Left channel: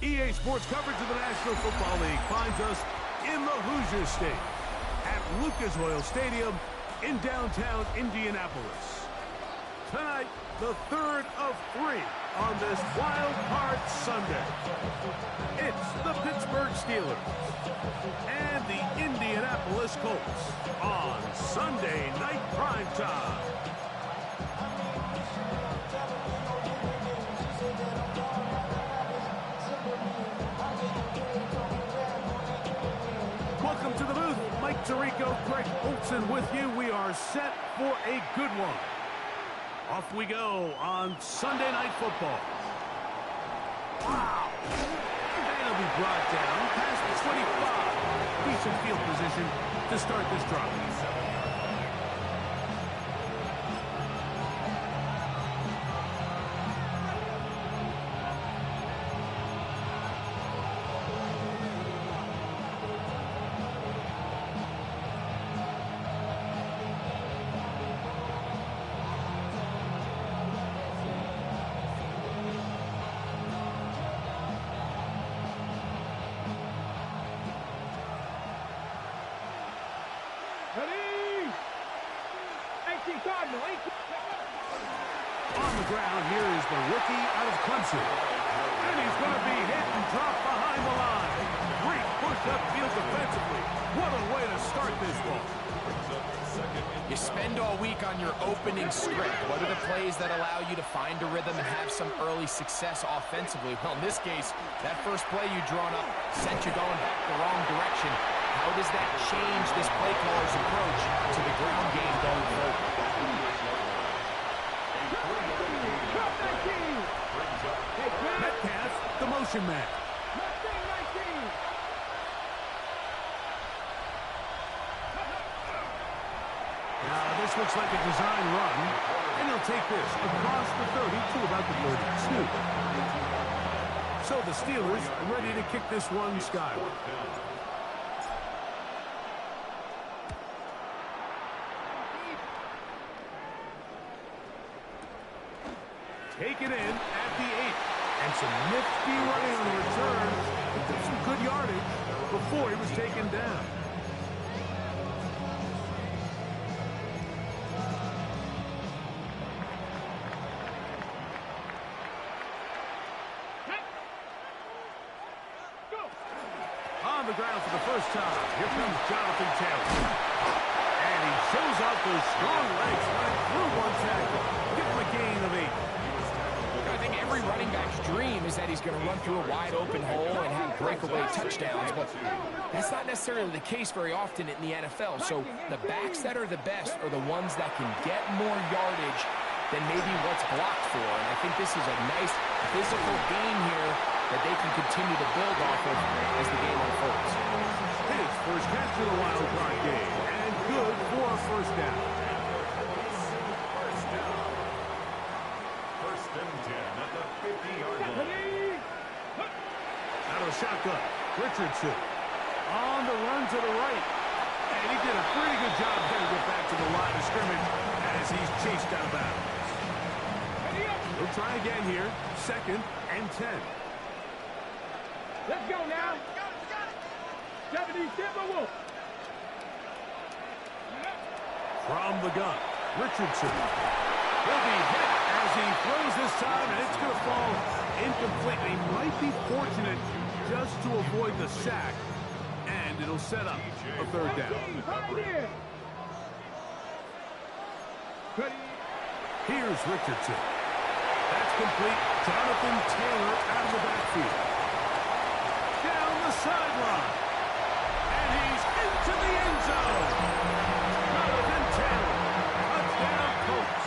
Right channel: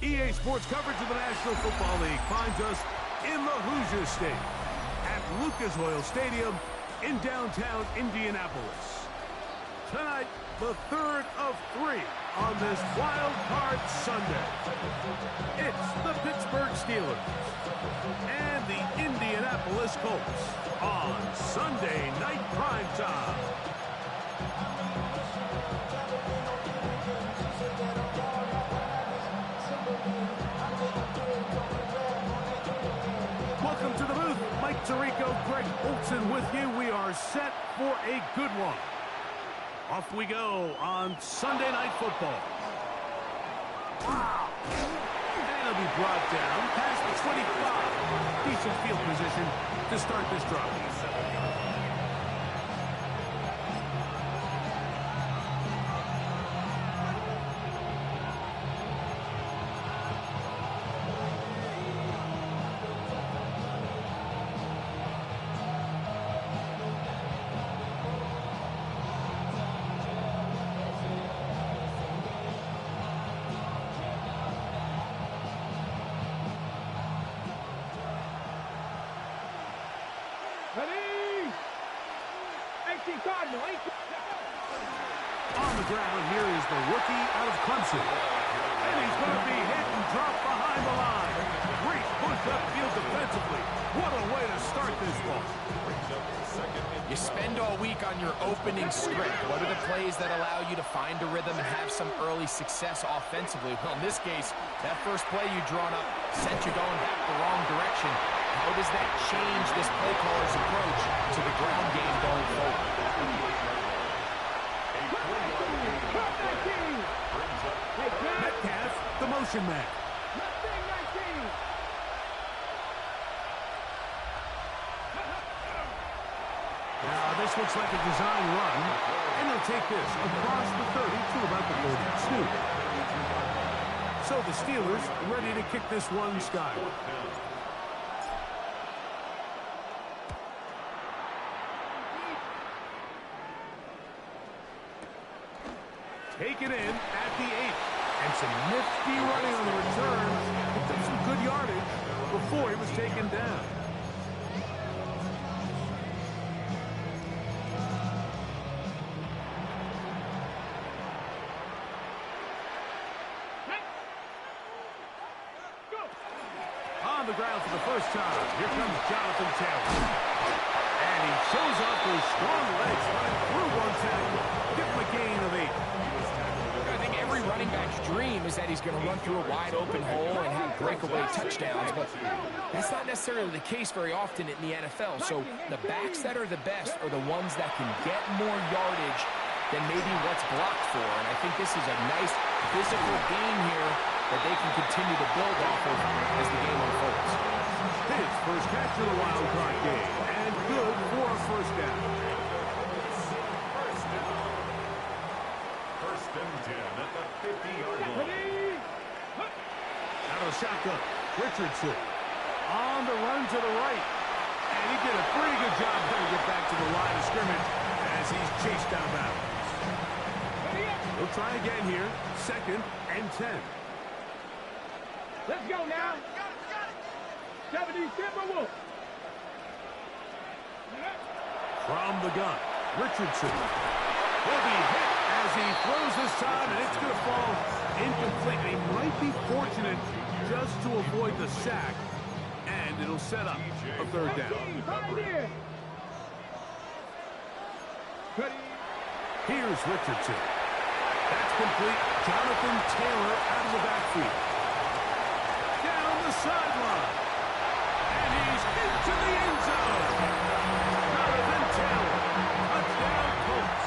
EA Sports coverage of the National Football League finds us in the Hoosier State at Lucas Oil Stadium in downtown Indianapolis. Tonight, the third of three on this Wild Card Sunday. It's the Pittsburgh Steelers and the Indianapolis Colts on Sunday Night Primetime. Welcome to the booth. Mike Tirico, Greg Olson with you. We are set for a good one. Off we go on Sunday Night Football. Wow! And it'll be brought down past the 25. Decent field position to start this drive. On the ground, here is the rookie out of Clemson. And he's going to be hit and dropped behind the line. Great push upfield defensively. What a way to start this ball. You spend all week on your opening script. What are the plays that allow you to find a rhythm and have some early success offensively? Well, in this case, that first play you drawn up sent you going back the wrong direction. How does that change this play caller's approach to the ground game going forward? Metcalf, the motion man. Now, this looks like a design run, and he'll take this across the 30 to about the 32. So the Steelers ready to kick this one skyward. Take it in at the 8. And some nifty running on the return. He took some good yardage before he was taken down. On the ground for the first time, here comes Jonathan Taylor. And he shows off those strong legs running through one tackle. Give him a gain of 8. I think every running back's dream is that he's going to run through a wide open hole and have breakaway touchdowns, but that's not necessarily the case very often in the NFL. So the backs that are the best are the ones that can get more yardage than maybe what's blocked for. And I think this is a nice physical game here that they can continue to build off of as the game unfolds. His first catch of the wild card game, and good for a first down. First and 10 at the 50-yard line. Out of a shotgun, Richardson on the run to the right. And he did a pretty good job there to get back to the line of scrimmage as he's chased out of bounds. He'll try again here, second and 10. Let's go now. 77 Wolf. From the gun, Richardson. He'll be hit as he throws this time, and it's going to fall incomplete. He might be fortunate just to avoid the sack, and it'll set up a third down. Here's Richardson. That's complete. Jonathan Taylor out of the backfield. Down the sideline. And he's into the end zone. Jonathan Taylor. Touchdown, Colts.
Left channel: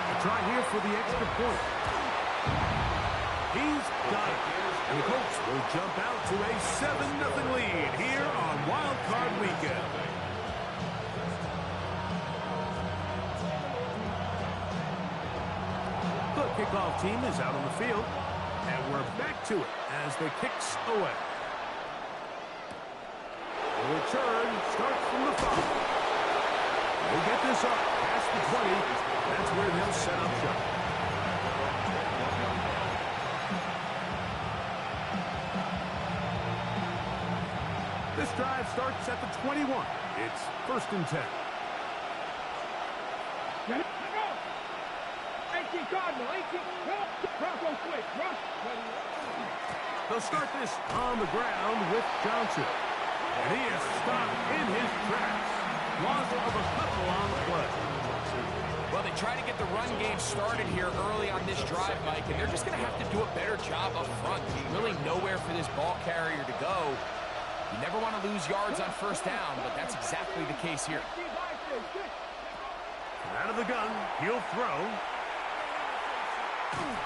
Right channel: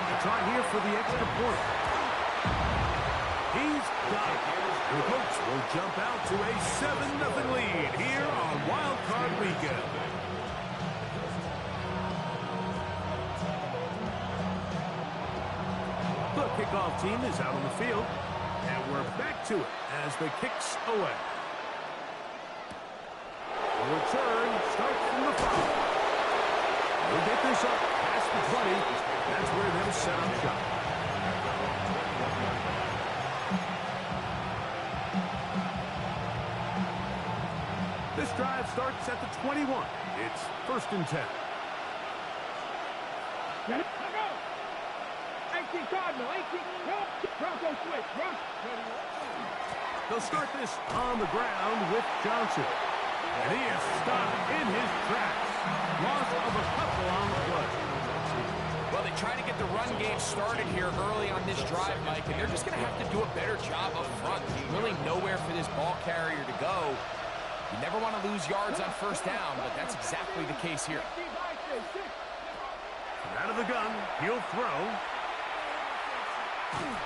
A try here for the extra point. He's got it. And the Colts will jump out to a 7-0 lead here on Wild Card Weekend. The kickoff team is out on the field, and we're back to it as the kicks away. The return starts from the 5. We'll get this up past the 20. That's where they'll set up shop. This drive starts at the 21. It's 1st and 10. Get it. Let go. 18 Cardinal. 18. Bronco switch. Rush. They'll start this on the ground with Johnson. And he is stopped in his tracks. Loss of a couple on the play. Well, they try to get the run game started here early on this drive, Mike, and they're just going to have to do a better job up front. Really nowhere for this ball carrier to go. You never want to lose yards on 1st down, but that's exactly the case here. Out of the gun, he'll throw.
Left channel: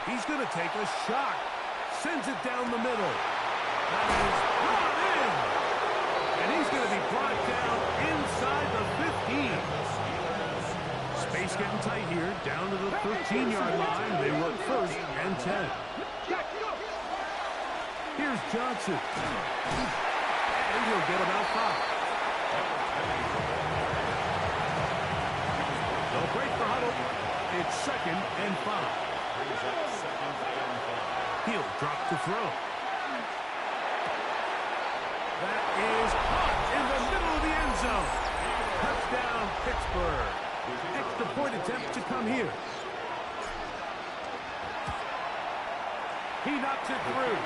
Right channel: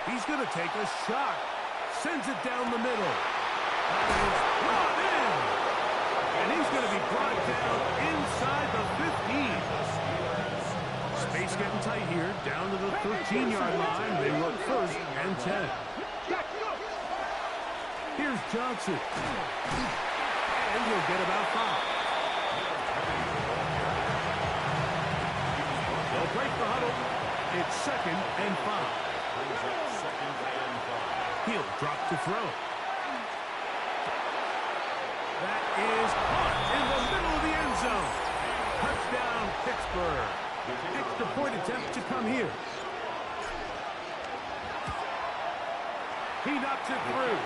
He's going to take a shot. Sends it down the middle. That is brought in. And he's going to be brought down inside the 15. Space getting tight here. Down to the 13-yard line. They work 1st and 10. Here's Johnson. And he'll get about 5. They'll break the huddle. It's 2nd and 5. He'll drop to throw. That is caught in the middle of the end zone. Touchdown, Pittsburgh. Extra point attempt to come here. He knocks it through.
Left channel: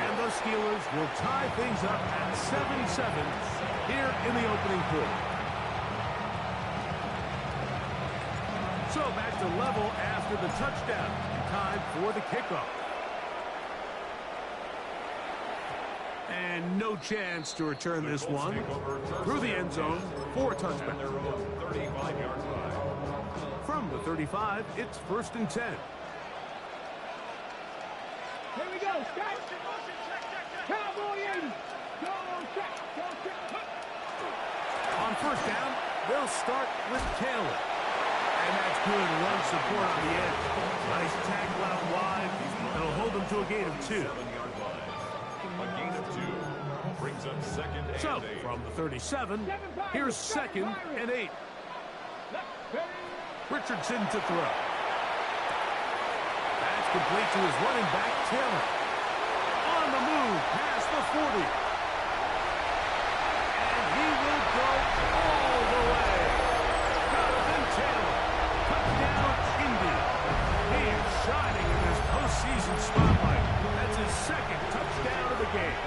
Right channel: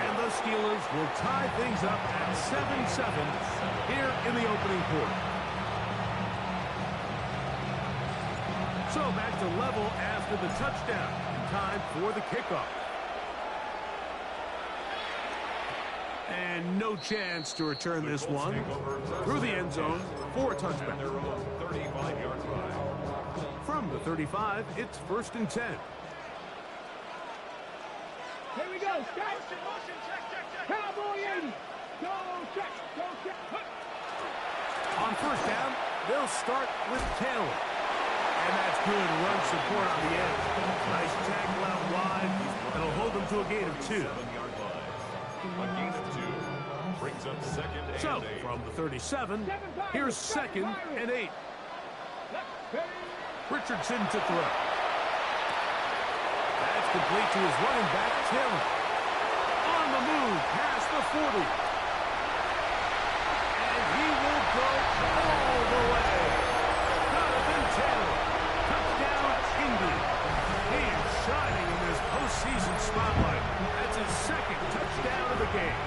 And the Steelers will tie things up at 7-7 here in the opening quarter. So back to level after the touchdown. And time for the kickoff. And no chance to return this one. Through the end zone for a touchback. From the 35, it's 1st and 10. Here we go. Cowboy 80. Go check. Go check. On 1st down, they'll start with Taylor. And that's good run support on the edge. Nice tackle out wide. That'll hold them to a gain of 2. A gain of 2 brings up 2nd and 8. So, from the 37, here's 2nd and 8. Richardson to throw. That's complete to his running back, Taylor. On the move, past the 40. And he will go all the way. Jonathan Taylor. Touchdown, Indy. He is shining in this postseason spotlight. That's his 2nd touchdown of the game.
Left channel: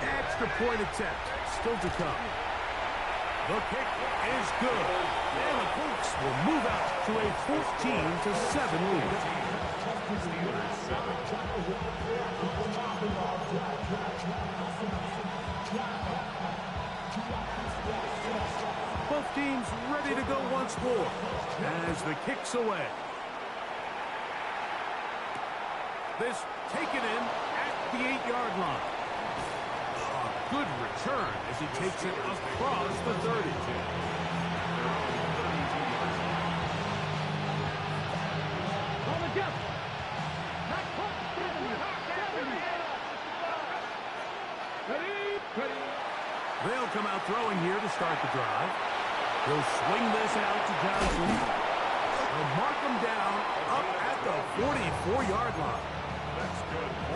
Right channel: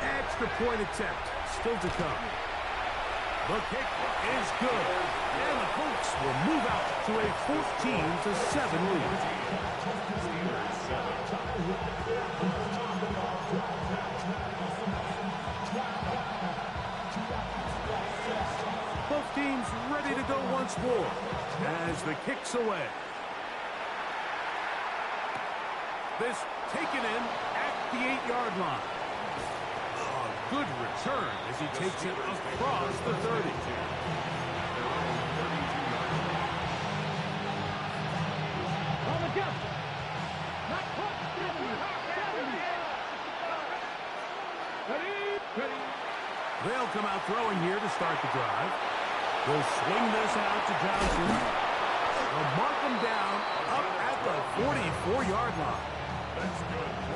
Extra point attempt still to come. The kick is good. And the Colts will move out to a 14-7 lead. Steelers 7. Both teams ready to go once more as the kick's away. This taken in at the 8-yard line. A good return as he takes it across the 30. On the jump. Not caught. 70. Ready. They'll come out throwing here to start the drive. They'll swing this out to Johnson. They'll mark him down up at the 44-yard line.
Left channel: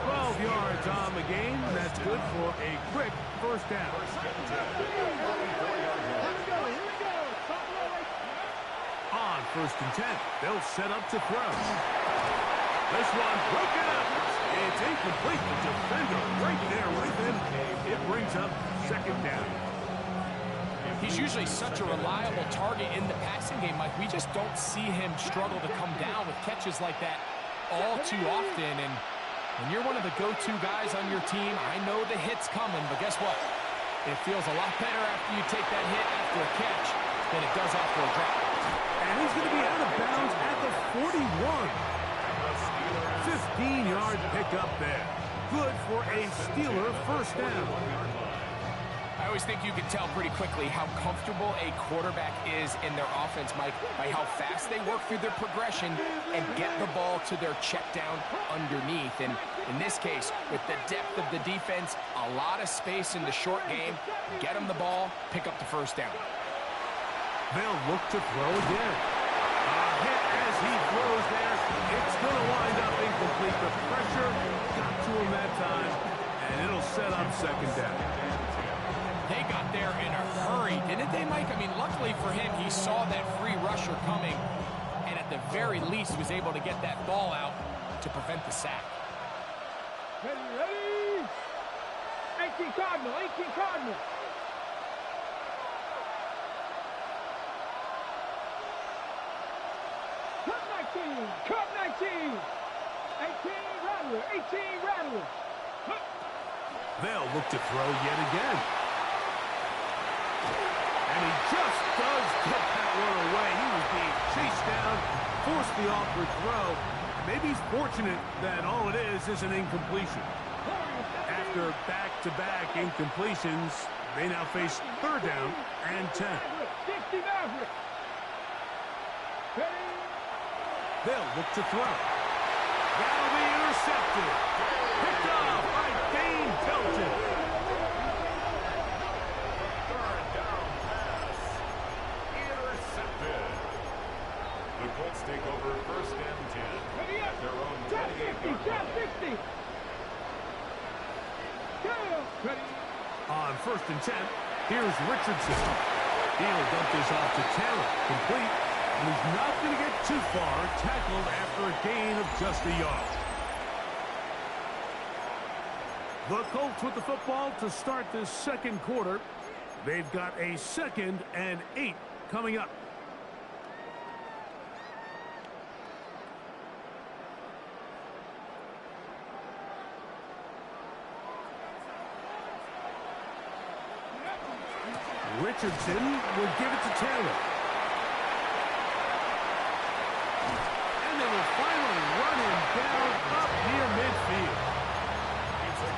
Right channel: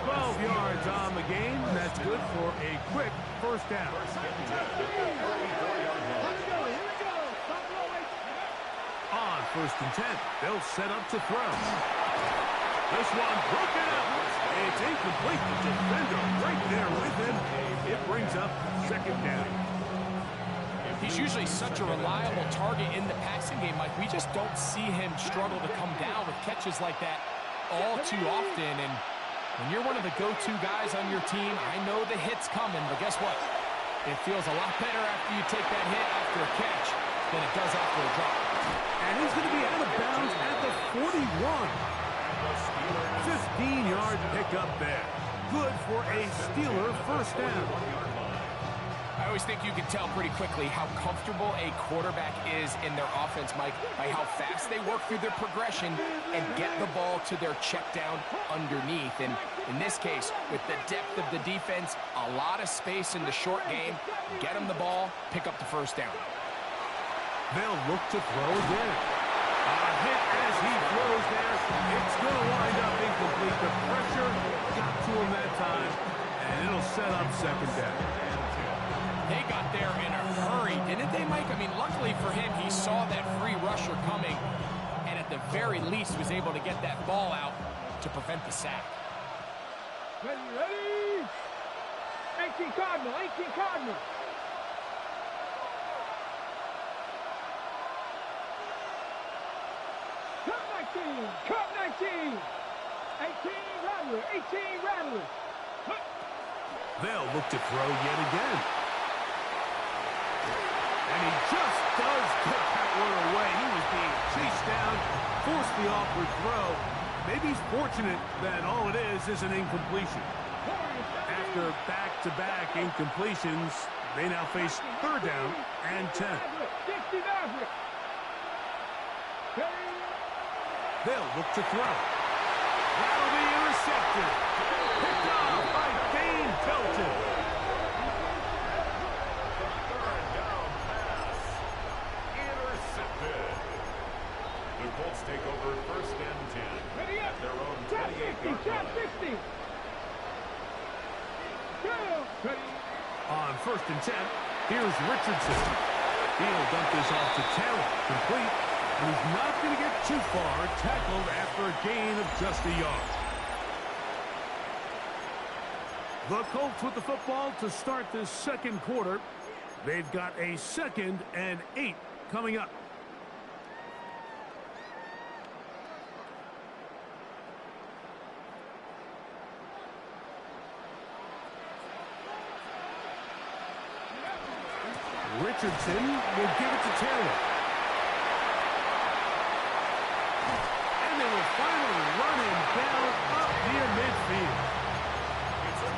12 yards on the game. That's good for a quick 1st down. On 1st and 10, they'll set up to throw. This one broken up. It's incomplete. The defender right there with him. It brings up 2nd down. He's usually such a reliable target in the passing game, Mike. We just don't see him struggle to come down with catches like that all too often. And when you're one of the go-to guys on your team, I know the hit's coming, but guess what? It feels a lot better after you take that hit after a catch than it does after a drop. And he's going to be out of bounds at the 41. 15-yard pickup there. Good for a Steeler 1st down. I always think you can tell pretty quickly how comfortable a quarterback is in their offense, Mike, by how fast they work through their progression and get the ball to their check down underneath. And in this case, with the depth of the defense, a lot of space in the short game, get them the ball, pick up the 1st down. They'll look to throw again. A hit as he throws there. It's going to wind up incomplete. The pressure got to him that time, and it'll set up 2nd down. They got there in a hurry, didn't they, Mike? I mean, luckily for him, he saw that free rusher coming, and at the very least was able to get that ball out to prevent the sack. Ready, ready! 18 Cardinal, 18 Cardinal. Cup 19, Cup 19. 18 Rattler, 18 Rattler. They'll look to throw yet again. And he just does get that one away. He was being chased down, forced the awkward throw. Maybe he's fortunate that all it is an incompletion. After back-to-back incompletions, they now face 3rd down and 10. They'll look to throw. That'll be intercepted. Picked off by Dane Pelton. Third down pass. Intercepted. The Colts take over 1st and 10 at their own 28-yard line. On 1st and 10, here's Richardson. He'll dump this off to Taylor. Complete. And he's not going to get too far, tackled after a gain of just a yard. The Colts with the football to start this 2nd quarter. They've got a 2nd and 8 coming up. Richardson will give it to Taylor. And they will finally run him down up near midfield.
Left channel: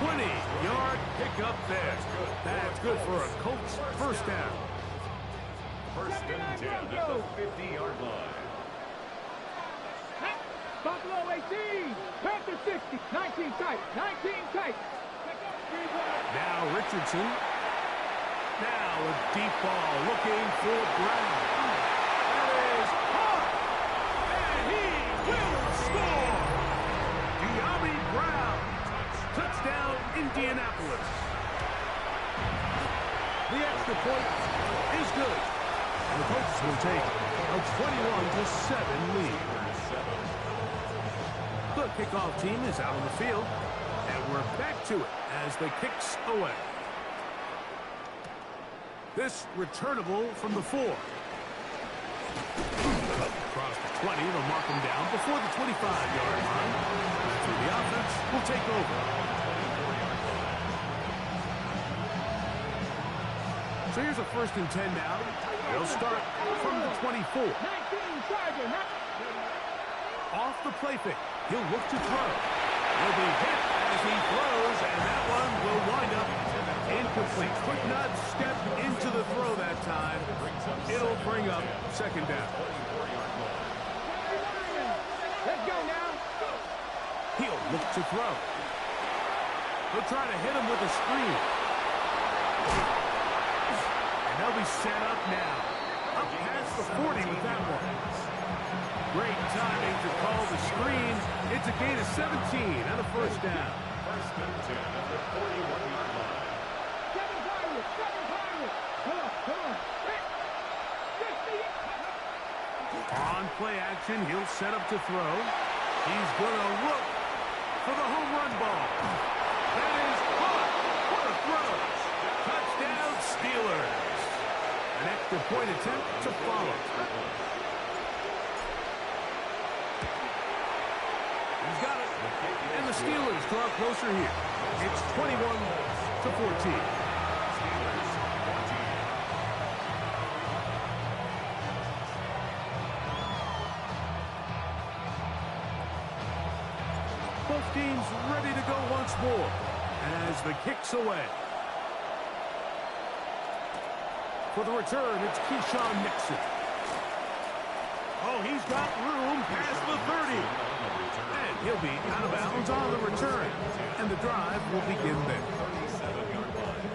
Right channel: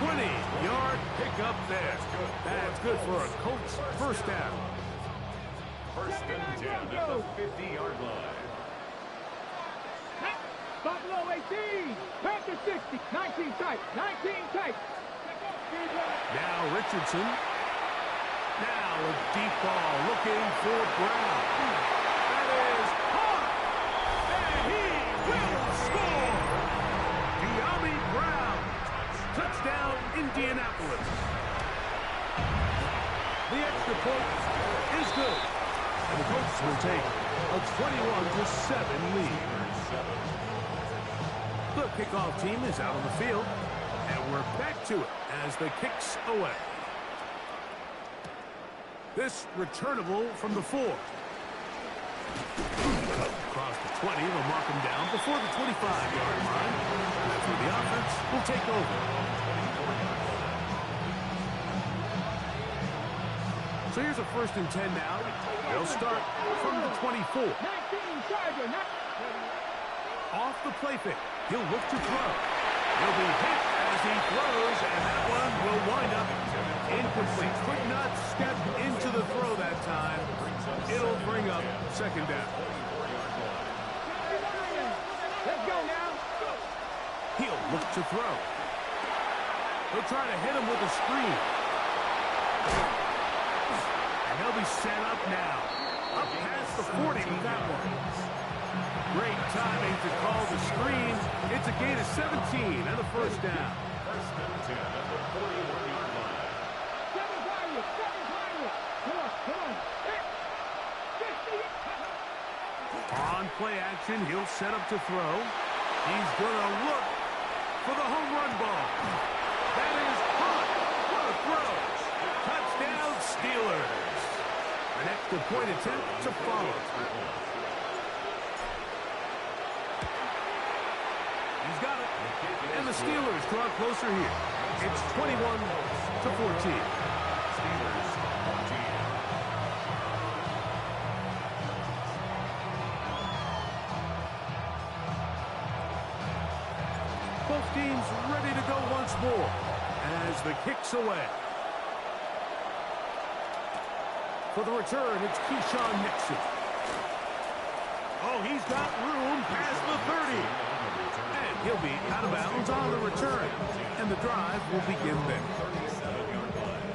20-yard pickup there. That's good for a Colts 1st down. 1st and 10 at the 50-yard line. Buffalo 18, Panther 60, 19 tight, 19 tight. Now Richardson. Now a deep ball looking for Brown. That is hard. And he will score. De'Ami Brown. Touchdown, Indianapolis. The extra point is good. And the Colts will take a 21-7 lead. The kickoff team is out on the field. And we're back to it as the kick's away. This returnable from the 4. Across the 20, they'll mark him down before the 25-yard line. That's where the offense will take over. So here's a 1st and 10 now. They'll start from the 24. Off the play fake. He'll look to throw. He'll be hit as he throws, and that one will wind up incomplete. Could not step into the throw that time. It'll bring up 2nd down. Let's go now. He'll look to throw. They'll try to hit him with a screen. And they'll be set up now. Up past the 40 with that one. Great timing to call the screen. It's a gain of 17 and a 1st down. 1st and 10 at the 41-yard line. 7 Pirates, 7 Pirates. Come on, come on. On play action, he'll set up to throw. He's going to look for the home run ball. That is hot. What a throw. Touchdown, Steelers. An extra point attempt to follow. He's got it. And the Steelers draw closer here. It's 21-14. Steelers 14. Both teams ready to go once more as the kick's away. For the return, it's Keyshawn Nixon. Oh, he's got room past the 30. And he'll be out of bounds on the return. And the drive will begin there. 37-yard line.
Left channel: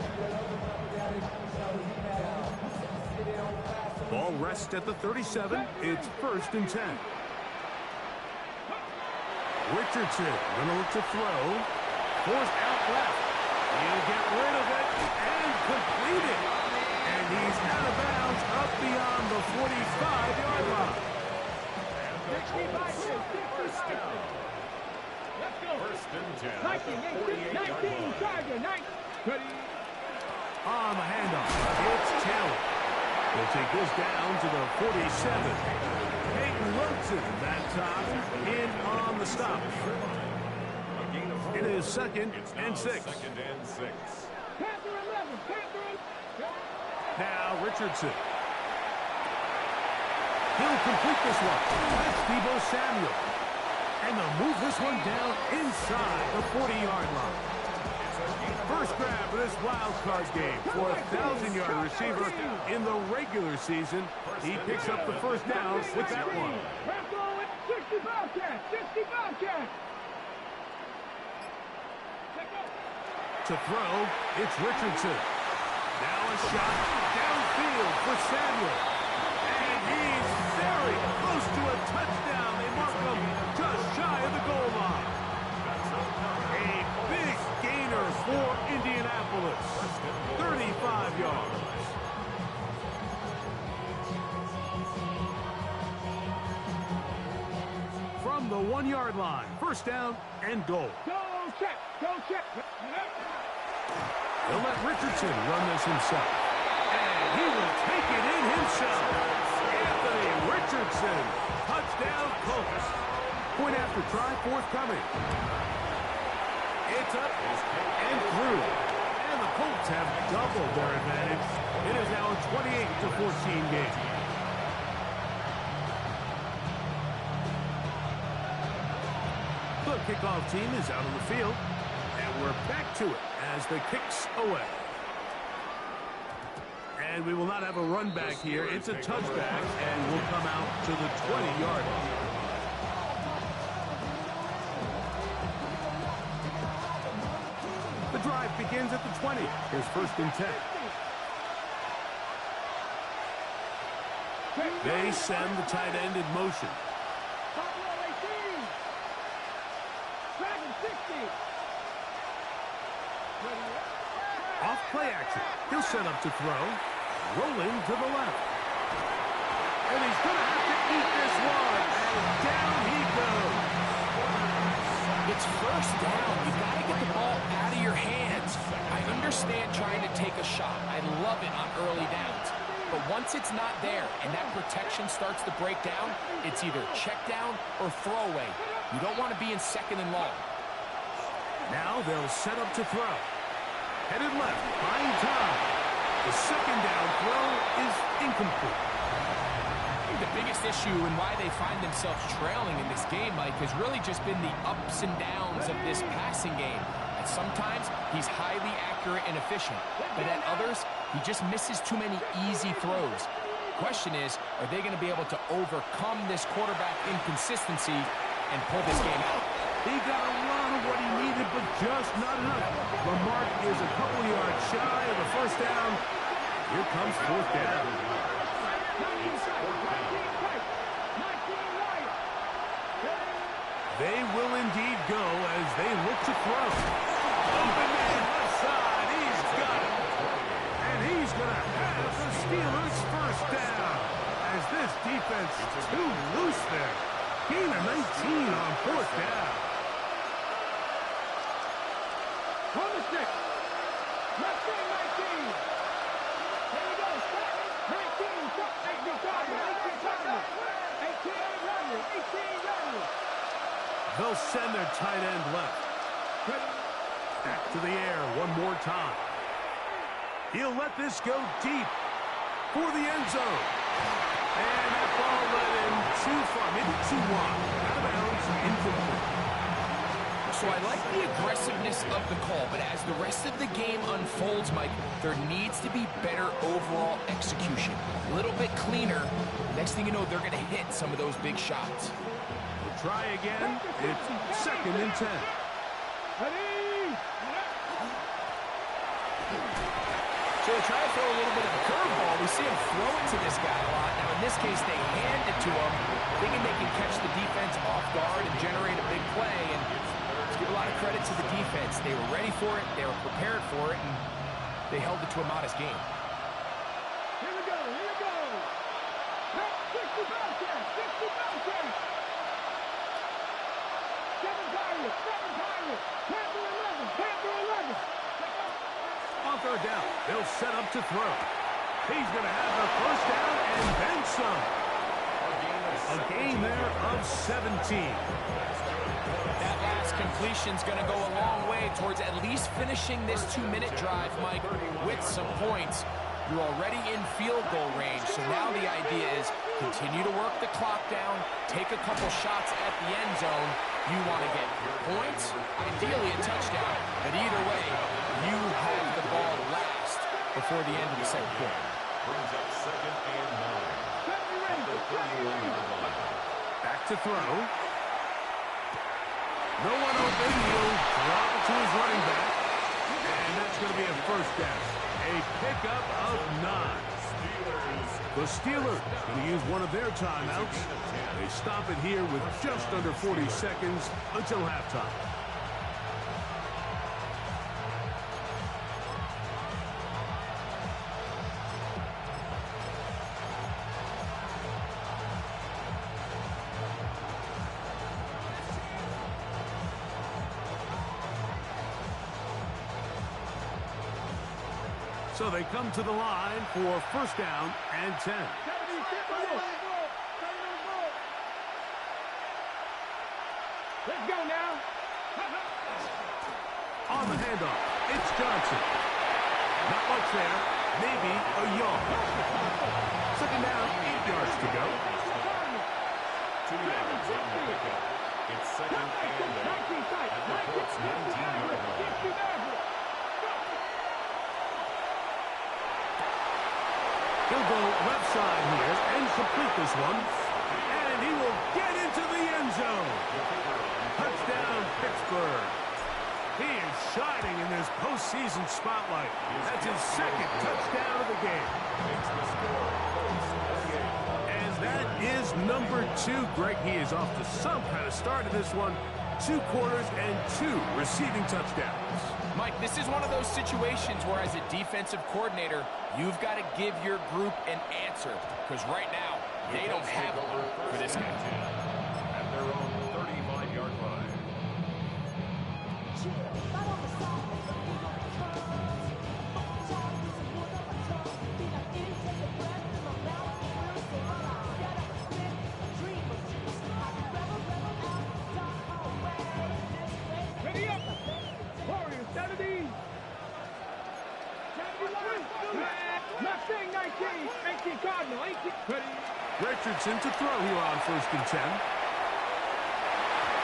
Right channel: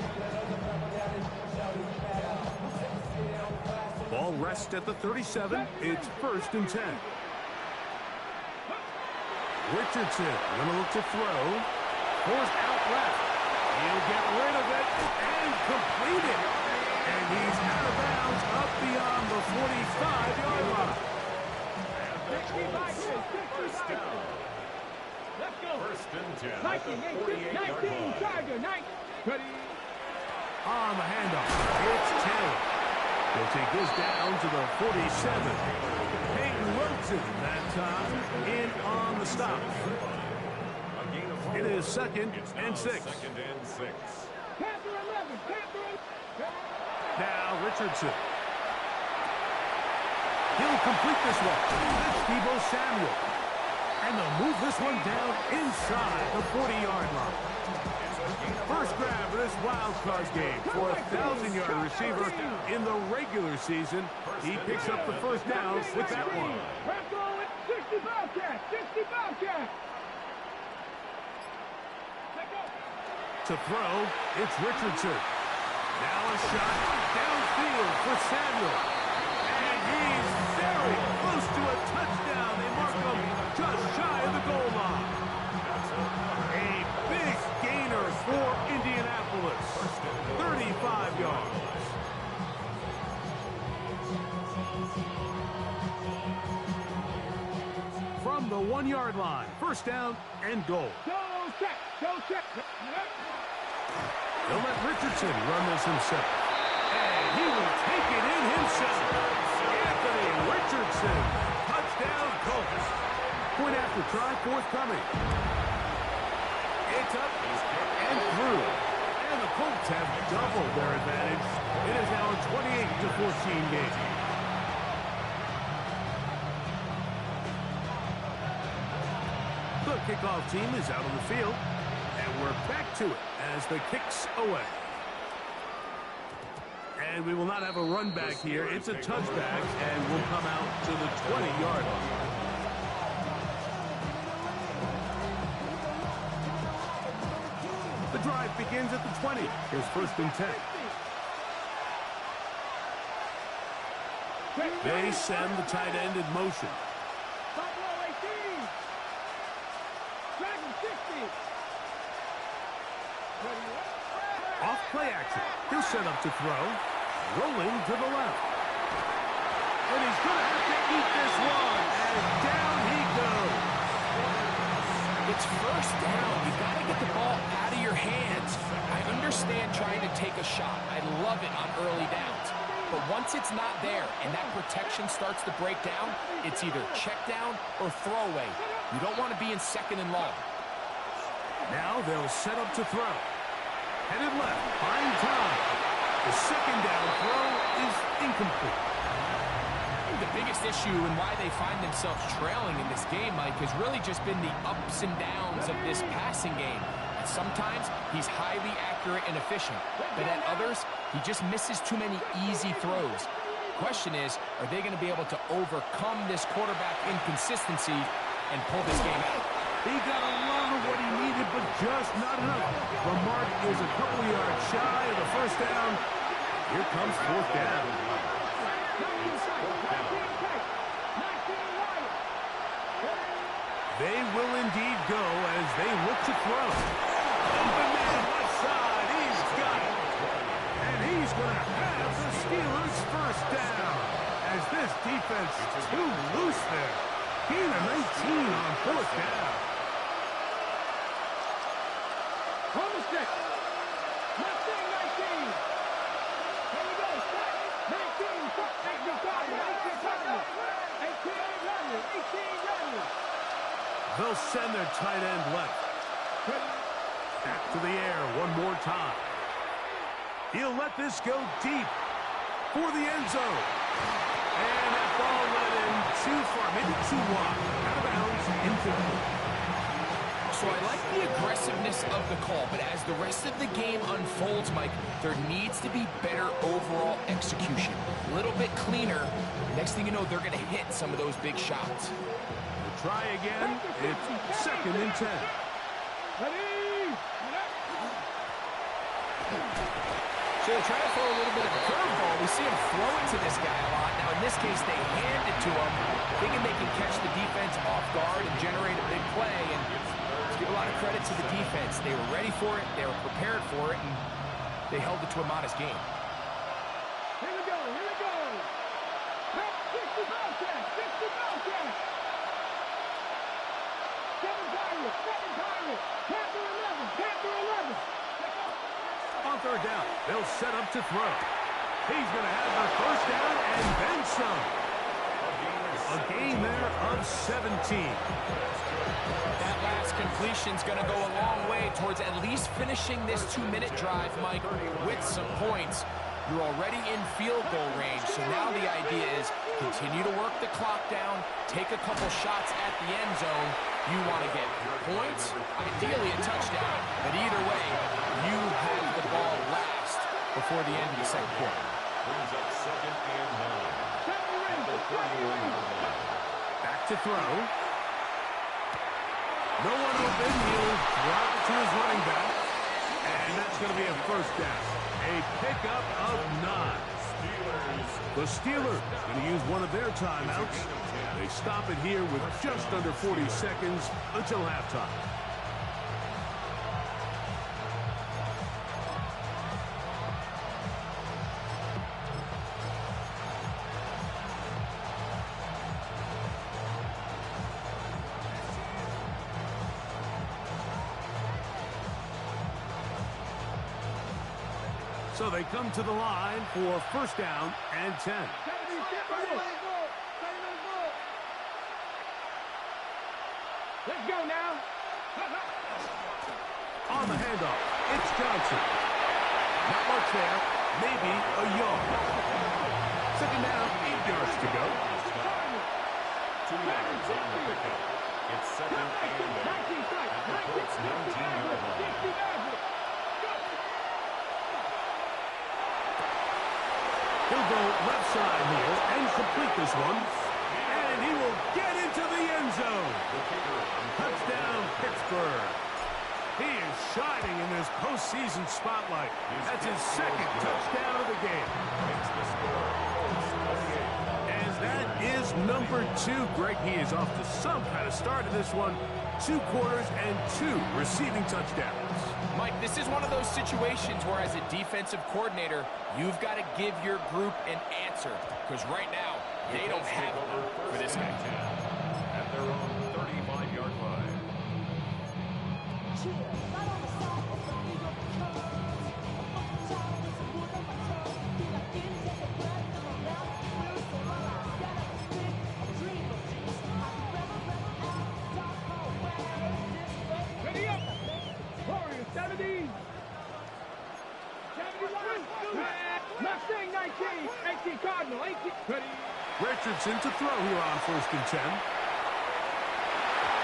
Ball rests at the 37. It's 1st and 10. Richardson going to look to throw. Forced out left. He'll get rid of it and complete it. And he's out of bounds up beyond the 45-yard line. First down. Let's go. First and 10 at 19, the 18, 48-yard 19, line. Tiger, 9. Ready. On the handoff, it's Taylor. He'll take this down to the 47. Peyton Wilson that time in on the stop. A gain of 4. It is second It's and now 6. Second and 6. Panther 11, Panther 11. Now Richardson. He'll complete this one. That's Deebo Samuel. And they'll move this one down inside the 40-yard line. First grab of this wild card game for a 1,000-yard receiver in the regular season. He picks up the first down with that one. Bronco with 60 Bobcat, 60 Bobcat. Let go. To throw, it's Richardson. Now a shot downfield for Samuel. And he's very close to a touchdown. They mark him just shy of the goal line. A big gainer for Indianapolis. 35 yards. From the 1-yard line, first down and goal. Go check, go check. He'll let Richardson run this himself. And he will take it in himself. Anthony Richardson. Touchdown, Colts. Point after try, forthcoming. It's up and through. And the Colts have doubled their advantage. It is now a 28-14 game. The kickoff team is out on the field. And we're back to it as the kick's away. And we will not have a run back here. It's a touchback, and we'll come out to the 20-yard line. The drive begins at the 20. Here's first and 10. They send the tight end in motion. Buffalo 18. Dragon 60. Off play action. He'll set up to throw. Rolling to the left. And he's going to have to eat this one. And down he goes. It's first down. You've got to get the ball out of your hands. I understand trying to take a shot. I love it on early downs. But once it's not there and that protection starts to break down, it's either check down or throwaway. You don't want to be in second and long. Now they'll set up to throw. Headed left, buying time. The second down throw is incomplete. I think the biggest issue and why they find themselves trailing in this game, Mike, has really just been the ups and downs of this passing game. And sometimes he's highly accurate and efficient, but at others, he just misses too many easy throws. Question is, are they going to be able to overcome this quarterback inconsistency and pull this game out? He got a lot of what he needed, but just not enough. The mark is a couple yards shy of the first down. Here comes fourth down. 19 tight. 19 wide. They will indeed go as they look to throw. Open man left side. He's got it. And he's going to have the Steelers first down. As this defense is too loose there. Gain of 19 on fourth down. On the stick. Left side 19. Here we go. 19. 18 Cardinal. 18 Cardinal. 18 Rodney. 18 Rodney. They'll send their tight end left. Back to the air one more time. He'll let this go deep for the end zone. And that ball led him too far, maybe too wide. Out of bounds, incomplete. So I like the aggressiveness of the call, but as the rest of the game unfolds, Mike, there needs to be better overall execution. A little bit cleaner. Next thing you know, they're going to hit some of those big shots. We'll try again. It's second and 10. Ready. So they try to throw a little bit of a curveball. We see him throw it to this guy a lot. Now, in this case, they hand it to him, thinking they can catch the defense off guard and generate a big play. And it's Give a lot of credit to the defense. They were ready for it, they were prepared for it, and they held it to a modest game. Here we go, here we go. 60 Bobcats, 60 Bobcats. 7 Pirates, 7 Pirates. Panther 11, Panther 11. On third down, they'll set up to throw. He's going to have the first down and then some. A gain there of 17. That last completion's going to go a long way towards at least finishing this 2-minute drive, Mike, with some points. You're already in field goal range, so now the idea is continue to work the clock down, take a couple shots at the end zone. You want to get points, ideally a touchdown, but either way, you have the ball last before the end of the second quarter. Brings up 2nd and 9 at the 31-yard line. Back to throw. No one open. He'll drop it to his running back. And that's going to be a first down. A pickup of 9. The Steelers going to use one of their timeouts. They stop it here with just under 40 seconds until halftime. So they come to the line for first down and 10. Let's go now. On the handoff, it's Johnson. Not much there, maybe a yard. Second down, 8 yards to go. 2 yards on the pickup. It's 2nd and 8 at the Colts 19-yard line. He'll go left side here and complete this one. And he will get into the end zone. Touchdown, Pittsburgh. He is shining in this postseason spotlight. That's his 2nd touchdown of the game. And that is number 2. Greg, he is off to some kind of start in this one. 2 quarters and 2 receiving touchdowns. Mike, this is one of those situations where as a defensive coordinator, you've got to give your group an answer. Because right now, they don't have one for this guy. At their own 35-yard line. Ready up. Warriors 70. 71. Mustang 19. 18 Cardinal. 18. Ready. Richardson to throw here on first and 10.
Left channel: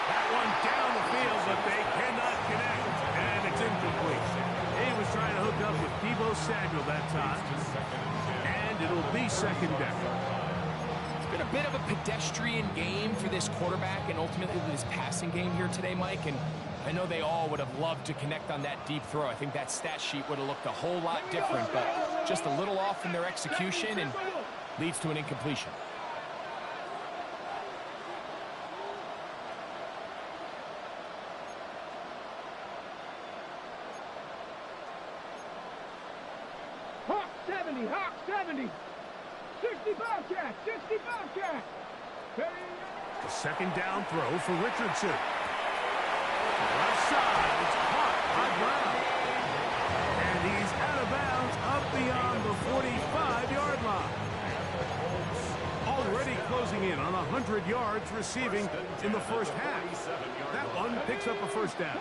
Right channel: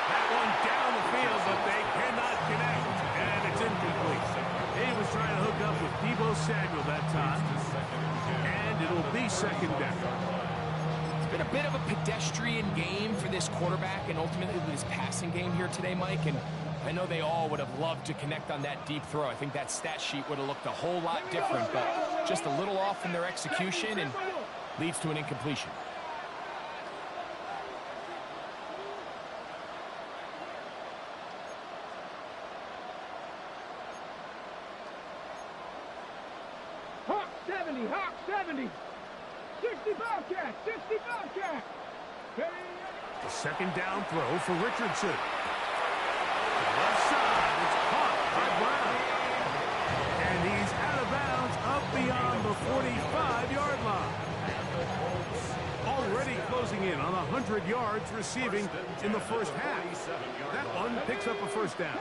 That one down the field, but they cannot connect. And it's incomplete. He was trying to hook up with Deebo Samuel that time. And it'll be second down. It's been a bit of a pedestrian game for this quarterback and ultimately this passing game here today, Mike. And I know they all would have loved to connect on that deep throw. I think that stat sheet would have looked a whole lot different, but just a little off in their execution and leads to an incompletion. Hawk 70. Hawk 70. 60 Bobcat. 60 Bobcat. Ready. A second down throw for Richardson. Left side, it's caught by Brown. And he's out of bounds up beyond the 45-yard line. Already closing in on 100 yards receiving in the first half. That one picks up a first down.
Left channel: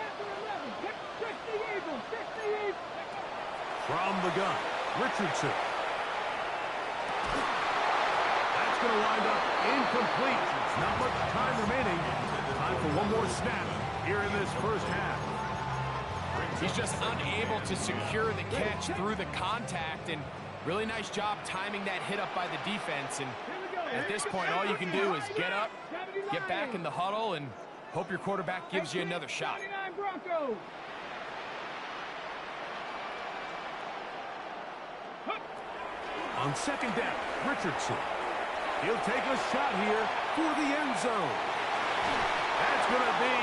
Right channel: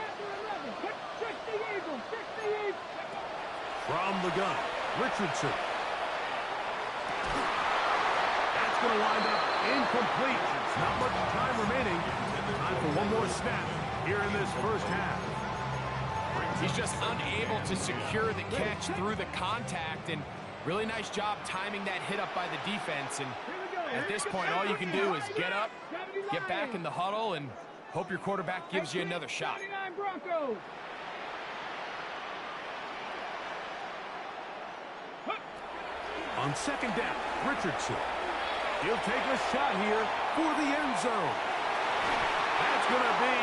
From the gun, Richardson. That's going to wind up incomplete. Not much time remaining. Time for one more snap here in this first half. He's just unable to secure the catch through the contact, and really nice job timing that hit up by the defense. And at this point, all you can do is get up, get back in the huddle, and hope your quarterback gives you another shot. On second down, Richardson. He'll take a shot here for the end zone. That's going to be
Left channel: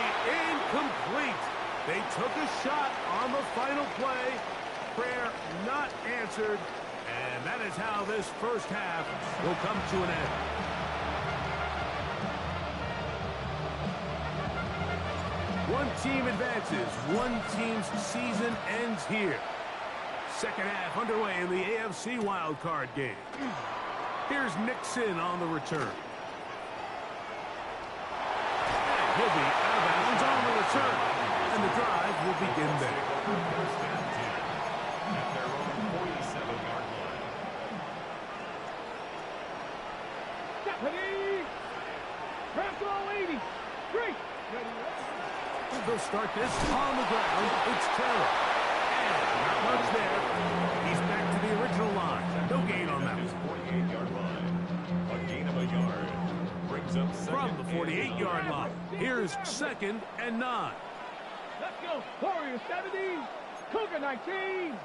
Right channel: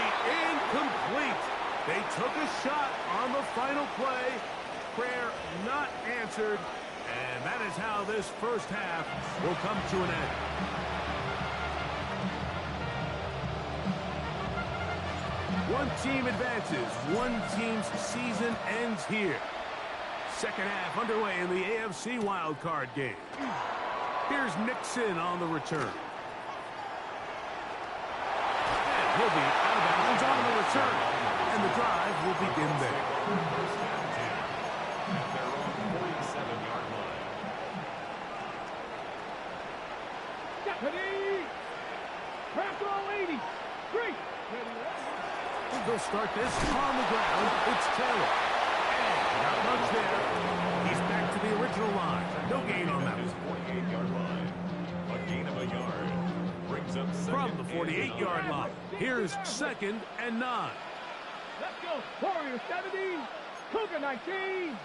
incomplete. They took a shot on the final play. Prayer not answered. And that is how this first half will come to an end. One team advances. One team's season ends here. Second half underway in the AFC Wildcard game. Here's Nixon on the return. And he'll be out of bounds on the return. And the drive will begin there. First and 10 at their own 47-yard line. Ready? Press all 80. Great. They'll start this on the ground. It's Taylor. And not much there. He's back to the original line. No gain on that His one. 48-yard line. A gain of a yard. Brings up From the 48-yard line. Here's 2nd and 9. Let's go. Warrior 70. Cougar 19.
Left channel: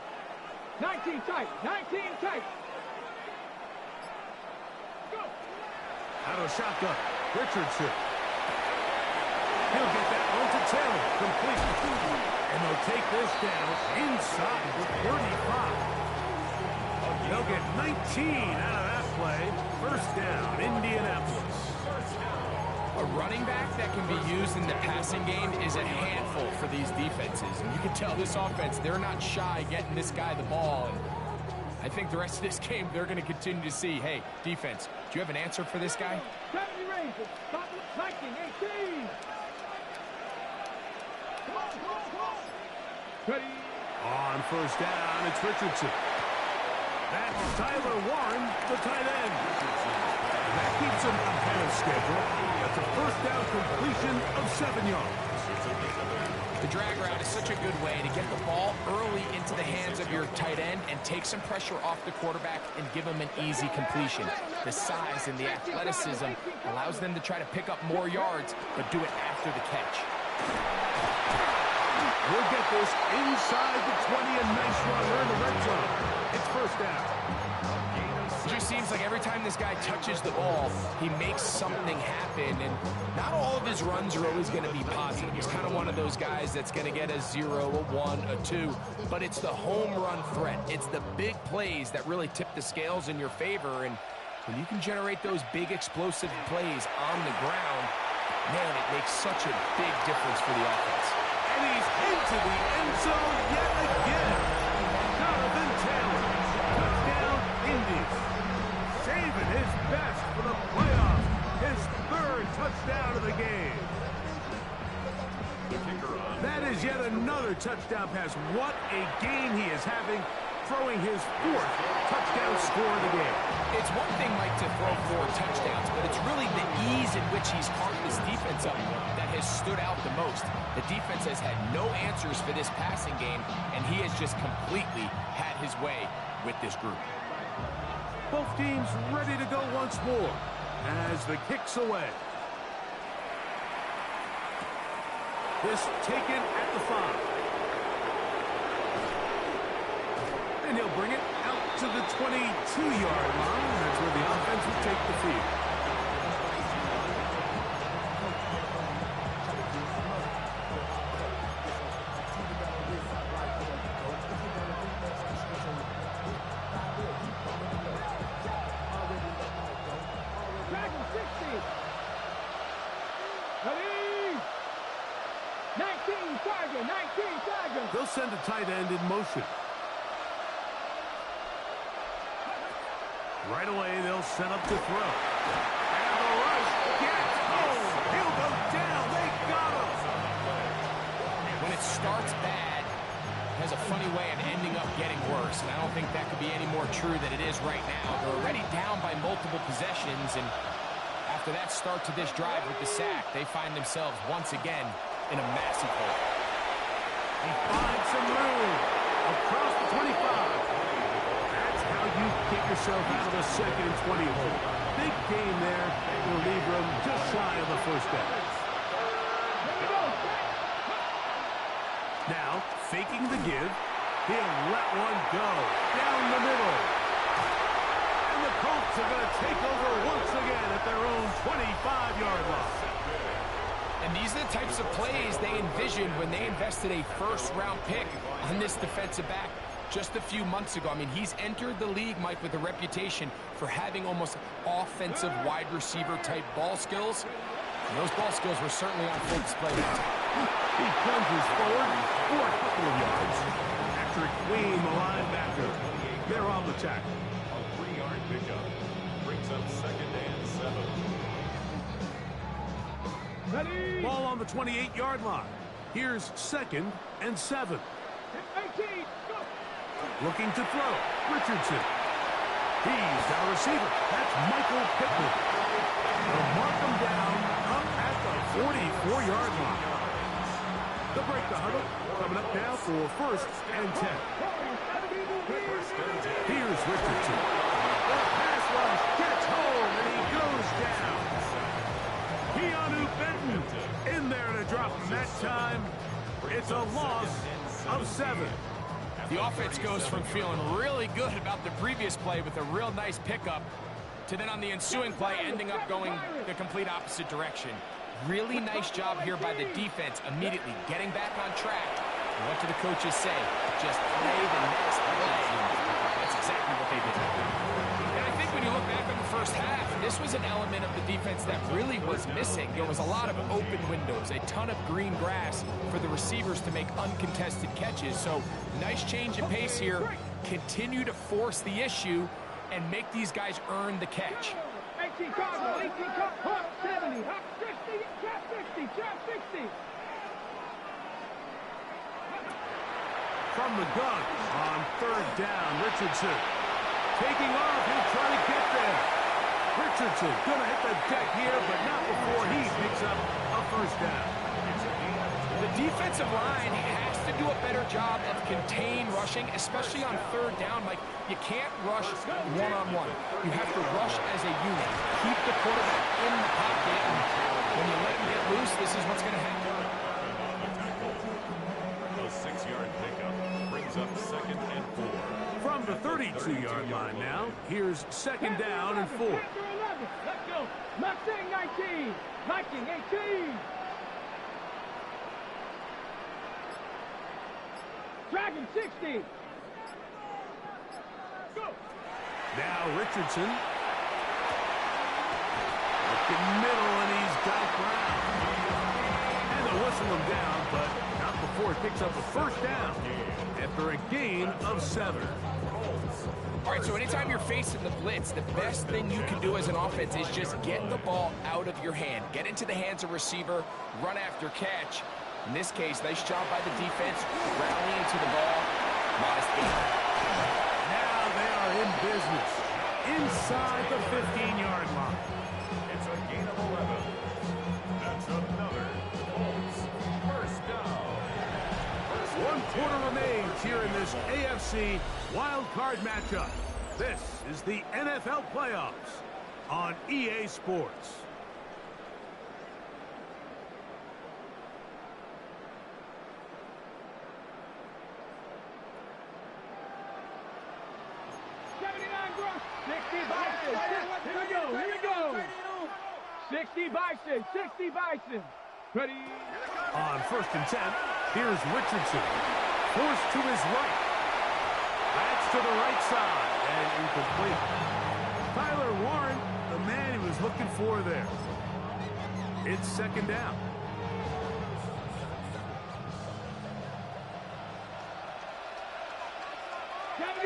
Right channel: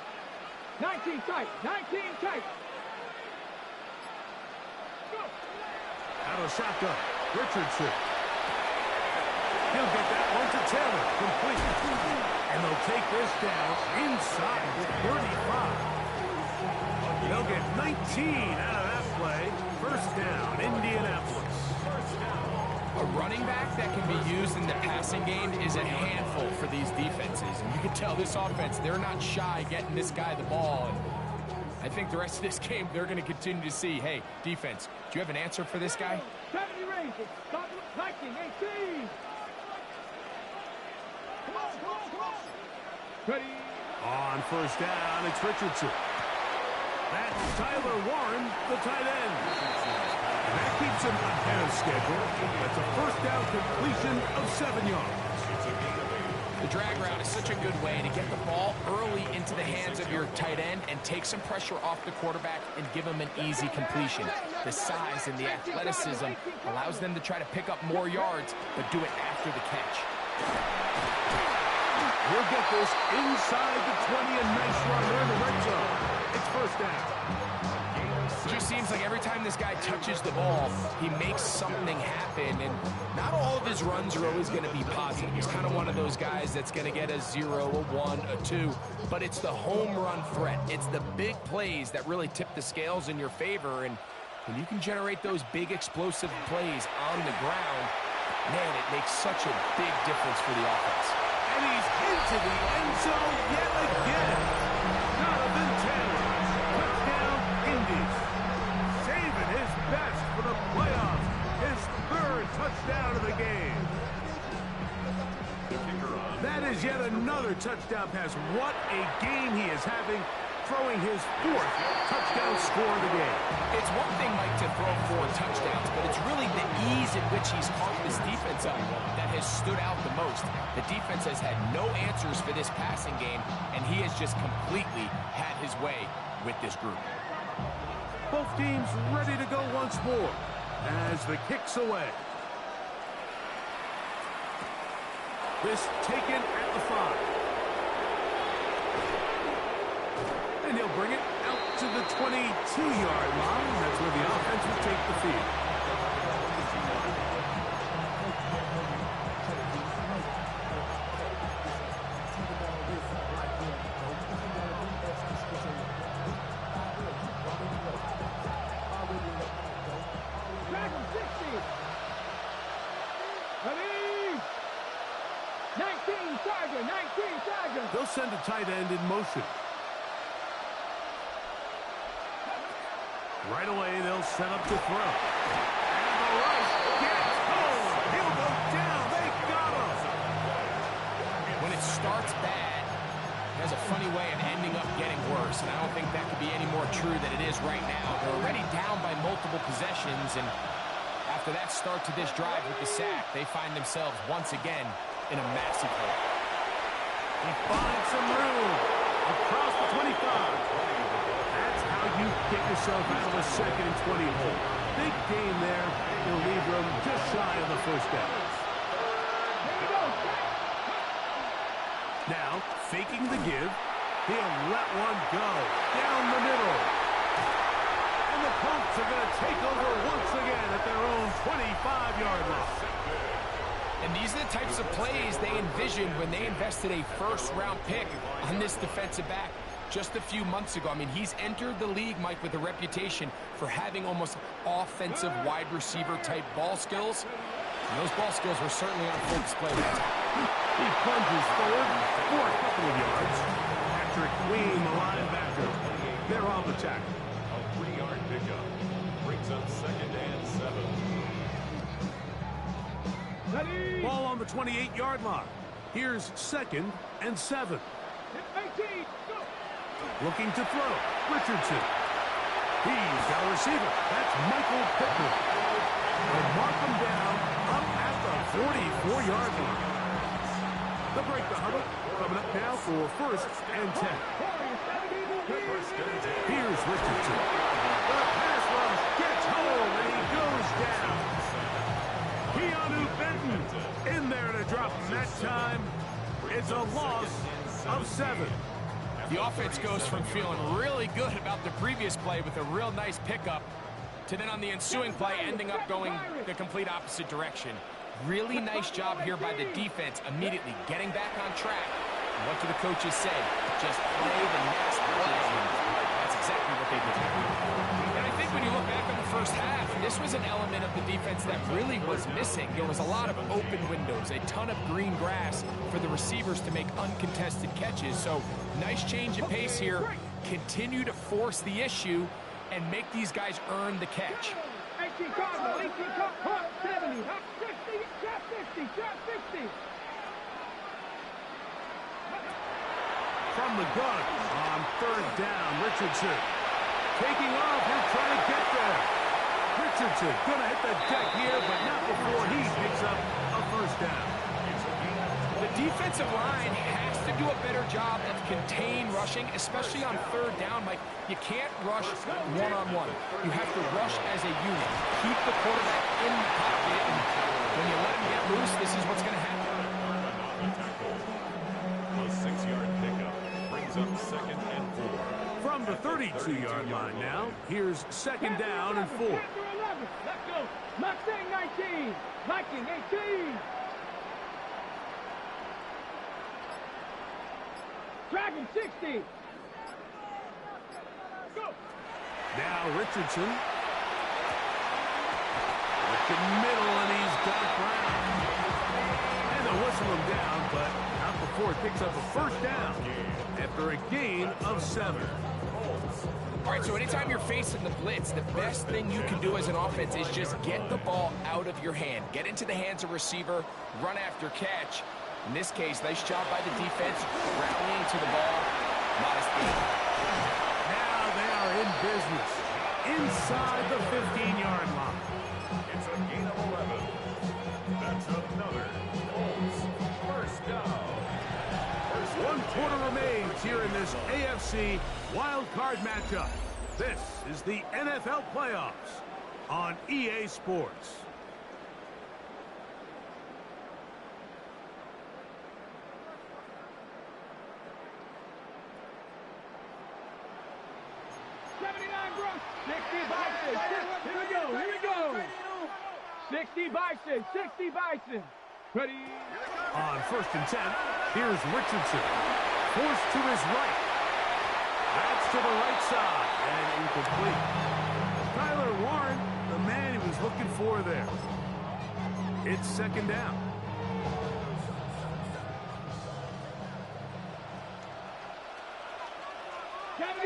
19 tight. 19 tight. Go. Out of the shotgun. Richardson. He'll get that one to Taylor. Complete. And they'll take this down inside the 35. They'll get 19 out of that play. First down, Indianapolis. A running back that can be used in the passing game is a handful for these defenses. And you can tell this offense, they're not shy getting this guy the ball. And I think the rest of this game, they're going to continue to see, hey, defense, do you have an answer for this guy? 70 Rangers. Stop 19, 18. Come on, come on, come on. Ready. On first down, it's Richardson. That's Tyler Warren, the tight end. And that keeps him ahead of schedule. That's a first down completion of 7 yards. The drag route is such a good way to get the ball early into the hands of your tight end and take some pressure off the quarterback and give him an easy completion. The size and the athleticism allows them to try to pick up more yards, but do it after the catch. He'll get this inside the 20, a nice run in the red zone. It's first down. It just seems like every time this guy touches the ball, he makes something happen, and not all of his runs are always going to be positive. He's kind of one of those guys that's going to get a 0, a 1, a 2, but it's the home run threat. It's the big plays that really tip the scales in your favor, and when you can generate those big explosive plays on the ground, man, it makes such a big difference for the offense. And he's into the end zone yet again. Jonathan Taylor. Touchdown, Indies. Saving his best for the playoffs. His 3rd touchdown of the game. That is yet another touchdown pass. What a game he is having, throwing his 4th touchdown score of the game. It's one thing, Mike, to throw 4 touchdowns, but it's really the ease in which he's carved this defense up that has stood out the most. The defense has had no answers for this passing game, and he has just completely had his way with this group. Both teams ready to go once more as the kick's away. This taken at the 5. And he'll bring it out to the 22-yard line. That's where the offense will take the field. Dragon 60. Ready. 19 Tiger, 19 Tiger. They'll send a tight end in motion. Right away, they'll set up to throw. And the rush gets home. He'll go down. They got him. When it starts bad, it has a funny way of ending up getting worse, and I don't think that could be any more true than it is right now. They're already down by multiple possessions, and after that start to this drive with the sack, they find themselves once again in a massive hole. He finds some room across the 25. That's how you get yourself out of a 2nd and 20 hole. Big game there. He'll leave room just shy of the first down. Now, faking the give, he'll let one go down the middle. And the Colts are going to take over once again at their own 25-yard line. And these are the types of plays they envisioned when they invested a first-round pick on this defensive back just a few months ago. I mean, he's entered the league, Mike, with a reputation for having almost offensive wide receiver-type ball skills. And those ball skills were certainly on full display that time. He plunges forward for a couple of yards. Patrick Queen, the linebacker. They're on the tackle. A 3-yard pickup brings up 2nd and 7. Ready. Ball on the 28-yard line. Here's 2nd and 7. 18. Go. Looking to throw. Richardson. He's got a receiver. That's Michael Pittman. They'll mark him down up at the 44-yard line. They'll break the huddle. Coming up now for 1st and 10. Here's Richardson. The pass rush gets home, and he goes down. Keanu Benton in there to drop him that time. It's a loss of 7. The offense goes from feeling really good about the previous play with a real nice pickup to then on the ensuing play ending up going the complete opposite direction. Really nice job here by the defense, immediately getting back on track. And what do the coaches say? Just play the next play. That's exactly what they did. And I think when you look back on the first half, this was an element of the defense that really was missing. There was a lot of open windows, a ton of green grass for the receivers to make uncontested catches. So nice change in pace here. Continue to force the issue and make these guys earn the catch. 18 Cardinal, 18 Cardinal, 70, 60, trap 60, trap 60. From the gun on 3rd down, Richardson. Taking off, he'll try to get there. Richardson gonna hit the deck here, but not before he picks up a 1st down. The defensive line has to do a better job of contain rushing, especially on 3rd down. Like, you can't rush one-on-one. You have to rush as a unit. Keep the quarterback in the pocket, and when you let him get loose, this is what's going to happen. A 6-yard pickup brings up 2nd and 4. From the 32-yard line now, here's 2nd down and 4. Let's go. Mustang 19, Viking 18. Dragon 60. Go. Now Richardson. Looking middle, and he's got Brown. And they'll whistle him down, but not before he picks up a 1st down after a gain of 7. All right, so anytime you're facing the blitz, the best thing you can do as an offense is just get the ball out of your hand. Get into the hands of receiver, run after catch. In this case, nice job by the defense, rallying to the ball. Modest gain. Now they are in business inside the 15-yard line. It's a gain of 11. That's another Colts 1st down. 1 quarter remains here in this AFC Wildcard matchup. This is the NFL playoffs on EA Sports. Here we go. 60 Bison, 60 Bison. Ready? On 1st and 10, here's Richardson. Forced to his right. That's to the right side and incomplete. Tyler Warren, the man he was looking for there. It's 2nd down.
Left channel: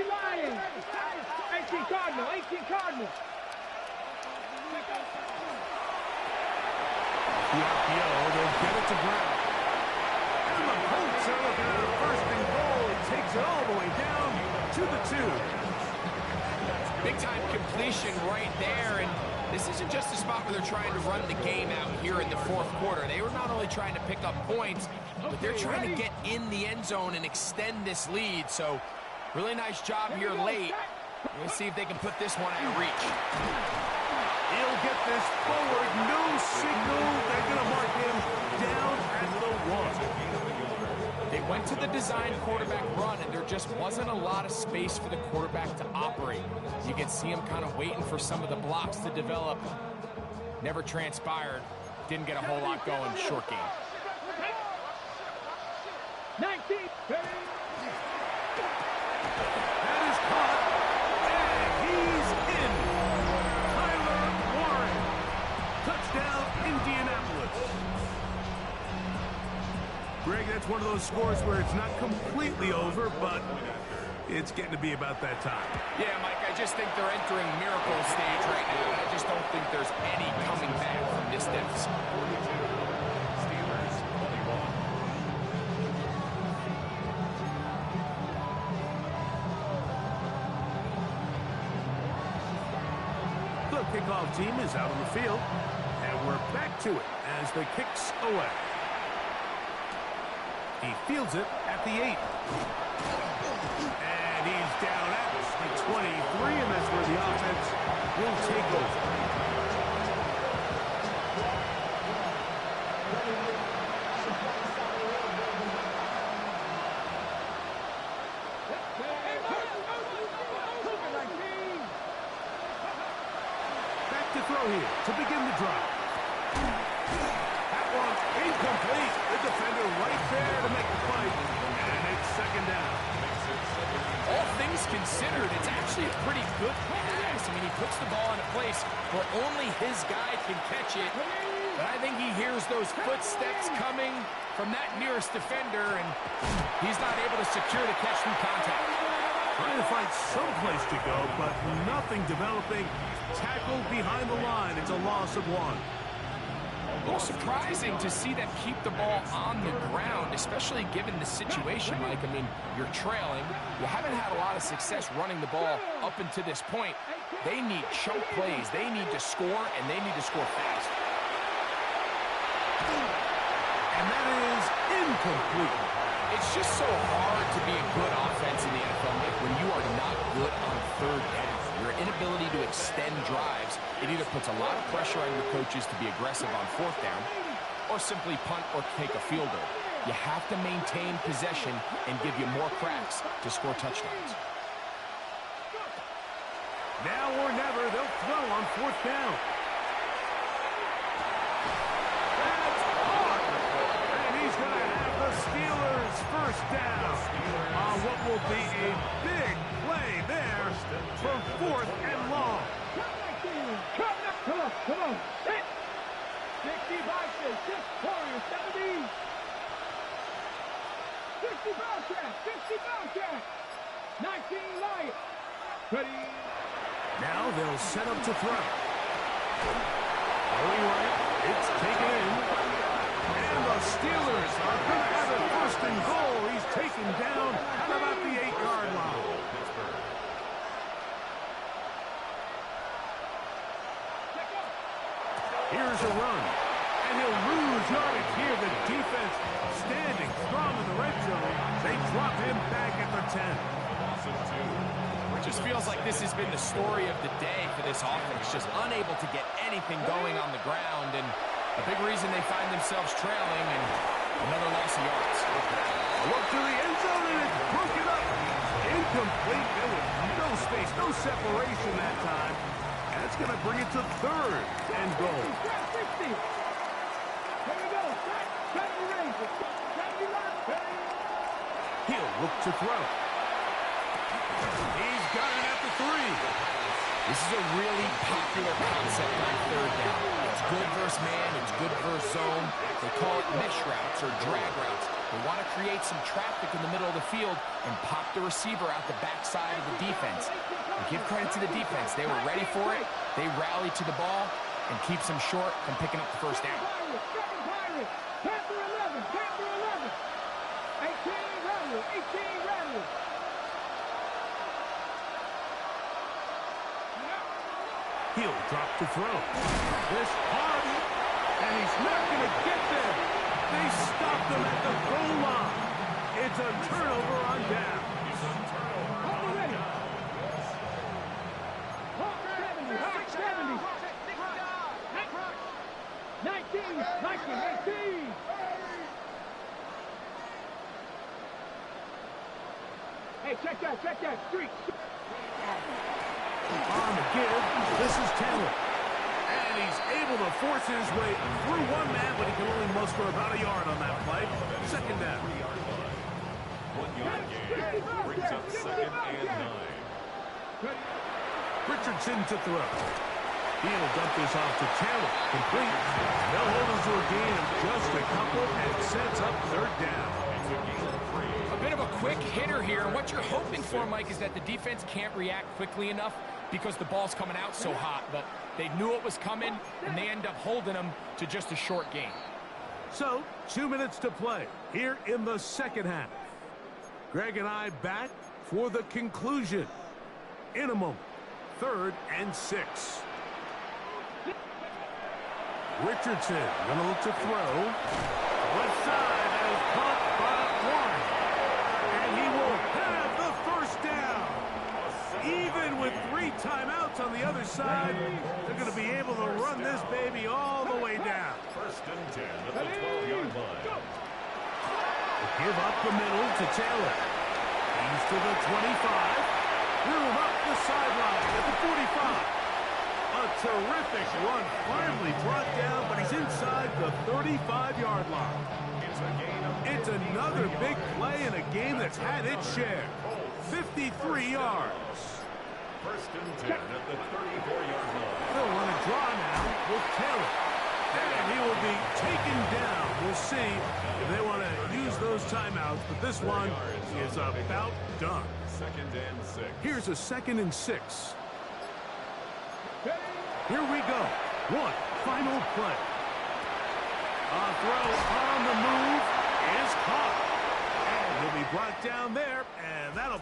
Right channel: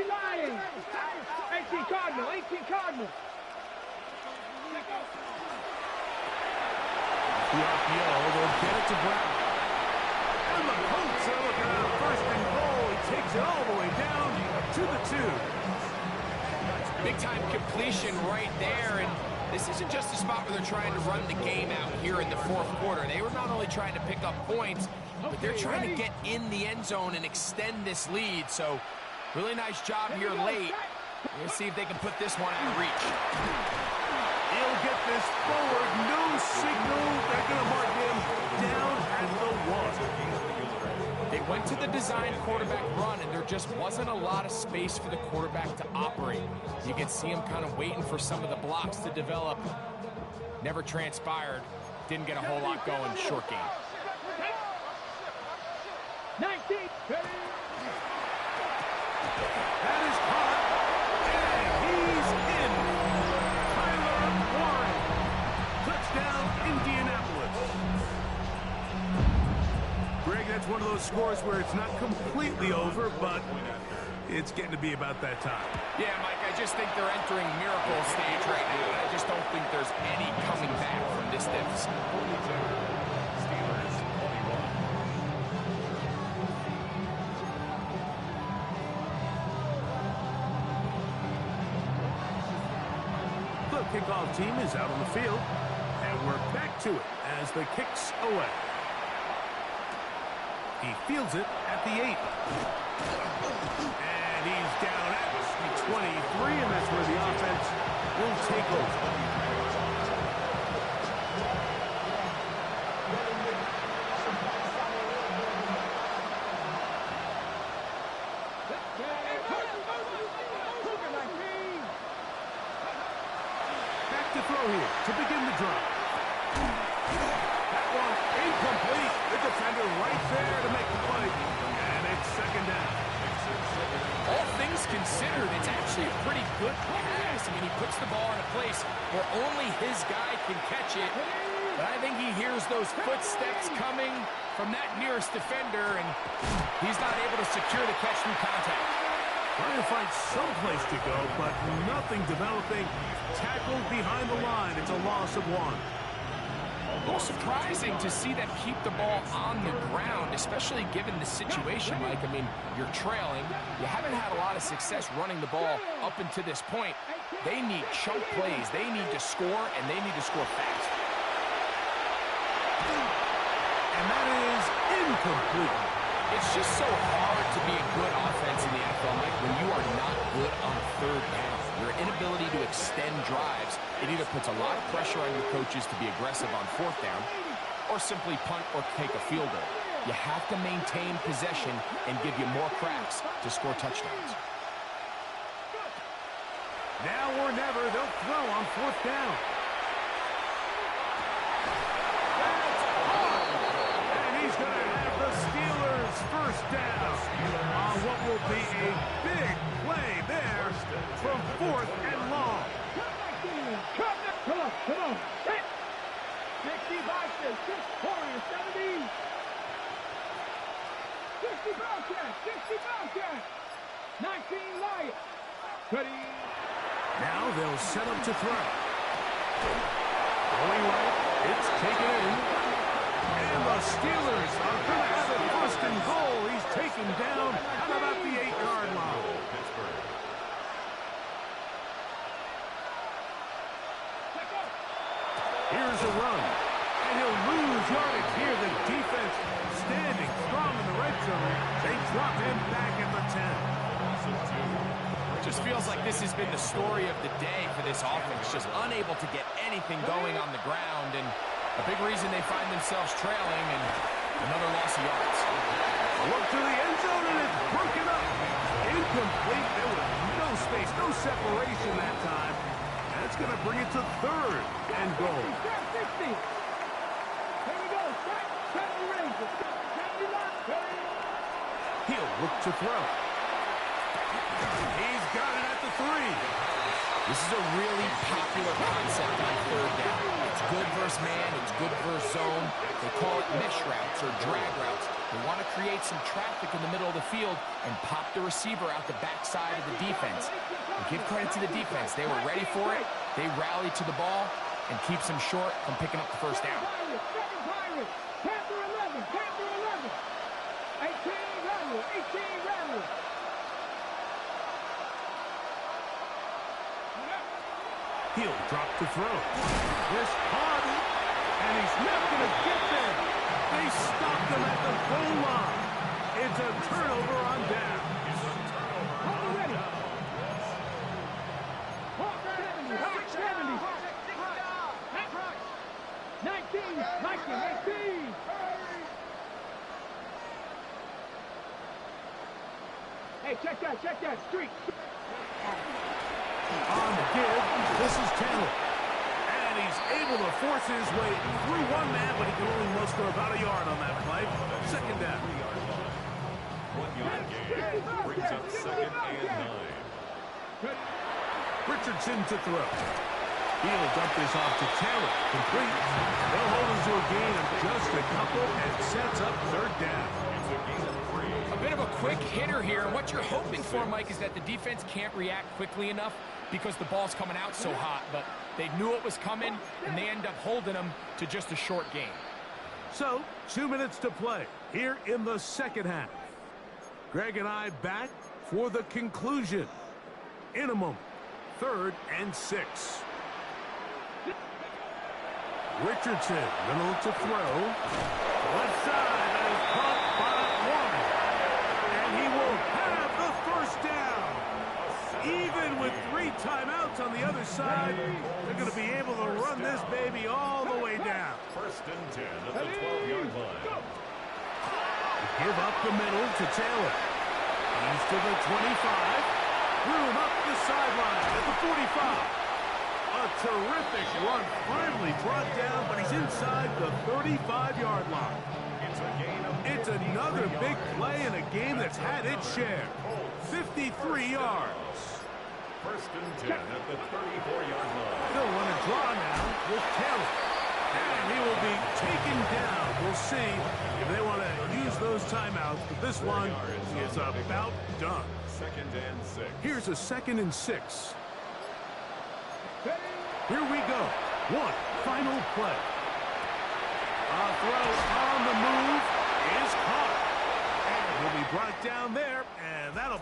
Lions. 18 Cardinal, 18 Cardinal. The RPO, they'll get it to Brown. And the Colts are looking at a 1st and goal. He takes it all the way down to the 2. Big-time completion right there, and this isn't just a spot where they're trying to run the game out here in the 4th quarter. They were not only trying to pick up points, but they're trying to get in the end zone and extend this lead. So really nice job here late. We're going to see if they can put this one out of reach. He'll get this forward. No signal. They're going to mark him down at the 1. They went to the design quarterback run, and there just wasn't a lot of space for the quarterback to operate. You can see him kind of waiting for some of the blocks to develop. Never transpired. didn't get a whole lot going short game. 19. That is caught, and he's in. Tyler Warren. Touchdown, Indianapolis. Greg, that's one of those scores where it's not completely over, but it's getting to be about that time. Yeah, Mike, I just think they're entering miracle stage right now. I just don't think there's any coming back from this deficit. 42. Steelers 21. The kickoff team is out on the field, and we're back to it as the kick's away. He fields it at the 8. And he's down at the 23, and that's where the offense will take over. Back to throw here to begin the drive. That one incomplete. The defender right there to make the play. And it's second down. All things considered, it's actually a pretty good pass. I mean, he puts the ball in a place where only his guy can catch it. But I think he hears those footsteps coming from that nearest defender, and he's not able to secure the catch through contact. Trying to find some place to go, but nothing developing. Tackled behind the line. It's a loss of 1. A little surprising to see them keep the ball on the ground, especially given the situation, Mike. I mean, you're trailing. You haven't had a lot of success running the ball up until this point. They need chunk plays. They need to score, and they need to score fast. And that is incomplete. It's just so hard to be a good offense in the NFL, Mike, when you are not good on third down. Your inability to extend drives, it either puts a lot of pressure on your coaches to be aggressive on fourth down or simply punt or take a field goal. You have to maintain possession and give you more cracks to score touchdowns. Now or never, they'll throw on fourth down. That's hard. And he's going to have the Steelers first down on what will be a big play there from 4th and long. Come on. Set. 65 says 6 Warriors, 70. 60 Bobcats. 19 Lions. Ready. Now they'll set up to throw. Going right, it's taken in. And the Steelers are going to have it first and goal. He's taken down at about the 8-yard line. Here's a run. And he'll lose yardage here. The defense standing strong in the red zone. They drop him back at the 10. It just feels like this has been the story of the day for this offense. Just unable to get anything going on the ground. And a big reason they find themselves trailing, and another loss of yards. A look to the end zone, and it's broken up. Incomplete. There was no space, no separation that time. And it's going to bring it to 3rd and goal. 60. Here we go. 70 Rangers. 70 Lions. He'll look to throw. He's got it at the 3. This is a really popular concept on third down. It's good versus man, it's good versus zone. They call it mesh routes or drag routes. They want to create some traffic in the middle of the field and pop the receiver out the backside of the defense. And give credit to the defense. They were ready for it. They rallied to the ball and keeps them short from picking up the first down. Panther 11. 18 Rattlers. He'll drop to throw. This hard, and he's not going to get there. They stopped him at the goal line. It's a turnover on down. Hold ready. Hawk 70. 19. Hey, check that. Street. On the give, this is Taylor. And And he's able to force his way through one man, but he can only muster about a yard on that play. Second down. 1 yard gain brings up second and 9. Richardson to throw. He'll dump this off to Taylor. Complete. They'll hold him to a gain of just a couple and sets up third down. It's a gain of 3. A bit of a quick hitter here, and what you're hoping for, Mike, is that the defense can't react quickly enough because the ball's coming out so hot, but they knew it was coming, and they end up holding them to just a short gain. So, 2 minutes to play here in the second half. Greg and I back for the conclusion. In a moment, 3rd and 6. Richardson gonna look to throw. Left side, that is caught by Warren. And he will have the first down. Even with 3 timeouts on the other side, they're going to be able to run this baby all the way down. 1st and 10 at the 12-yard line. Give up the middle to Taylor. He's to the 25. Room up the sideline at the 45. A terrific run, finally brought down, but he's inside the 35-yard line. It's another big play in a game that's had its share. 53 yards. 1st and 10 at the 34-yard line. They'll run a draw now with Taylor. And he will be taken down. We'll see if they want to use those timeouts, but this one is about done. 2nd and 6. Here's a 2nd and 6. Here we go. One final play. A throw on the move is caught. And he'll be brought down there, and that'll put